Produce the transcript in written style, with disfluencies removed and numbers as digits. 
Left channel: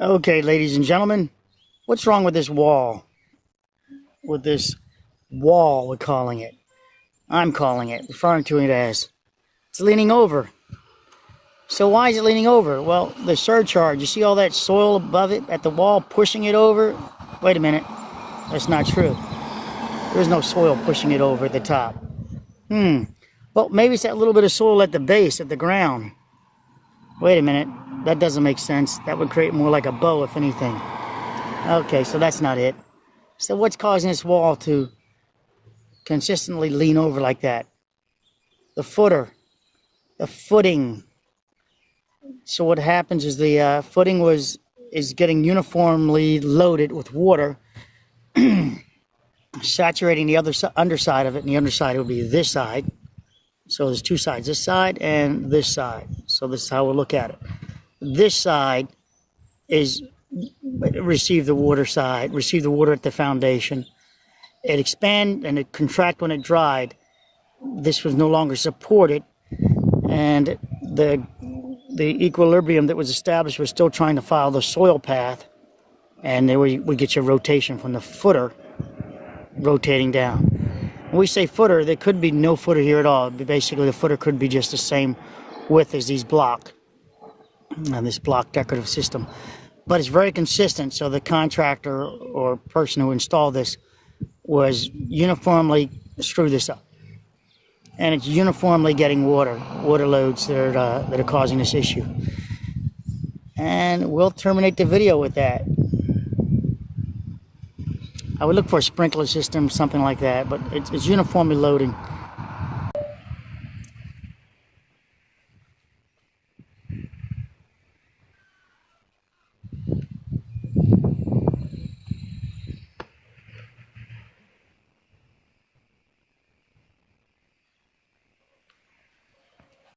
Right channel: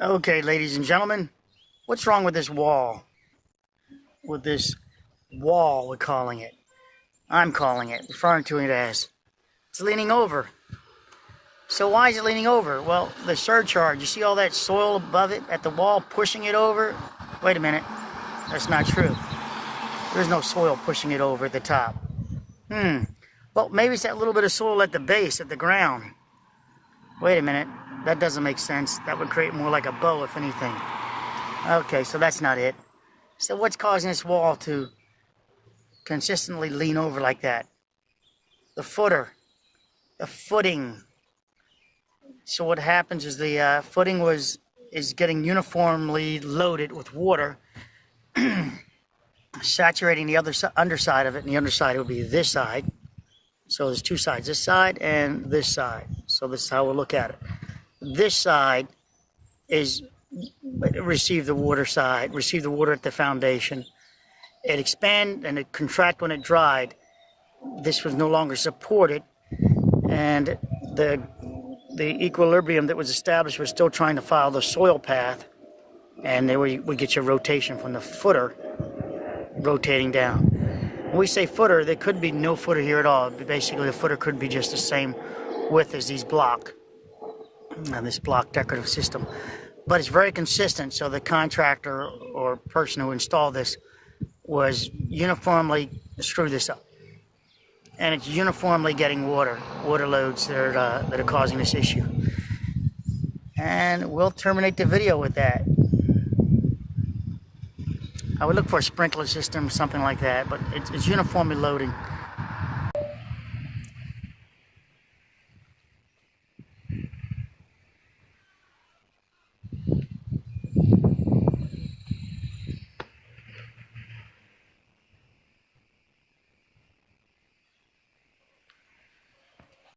Okay, ladies and gentlemen, what's wrong with this wall? With this wall, we're calling it. I'm calling it, referring to it as. It's leaning over. So why is it leaning over? Well, the surcharge, you see all that soil above it at the wall pushing it over? Wait a minute, that's not true. There's no soil pushing it over at the top. Well, maybe it's that little bit of soil at the base, at the ground. Wait a minute, that doesn't make sense. That would create more like a bow, if anything. Okay, so that's not it. So what's causing this wall to consistently lean over like that? The footing. So what happens is the footing is getting uniformly loaded with water, saturating the underside of it, and the underside would be this side. So there's two sides, this side and this side. So this is how we'll look at it. This side is receive the water at the foundation. It expand and it contract when it dried. This was no longer supported, and the equilibrium that was established was still trying to follow the soil path, and there we get your rotation from the footer rotating down. When we say footer, there could be no footer here at all. Basically, the footer could be just the same width as these block, and this block decorative system. But it's very consistent, so the contractor or person who installed this was uniformly screw this up. And it's uniformly getting water loads that are causing this issue. And we'll terminate the video with that. I would look for a sprinkler system, something like that, but it's uniformly loading.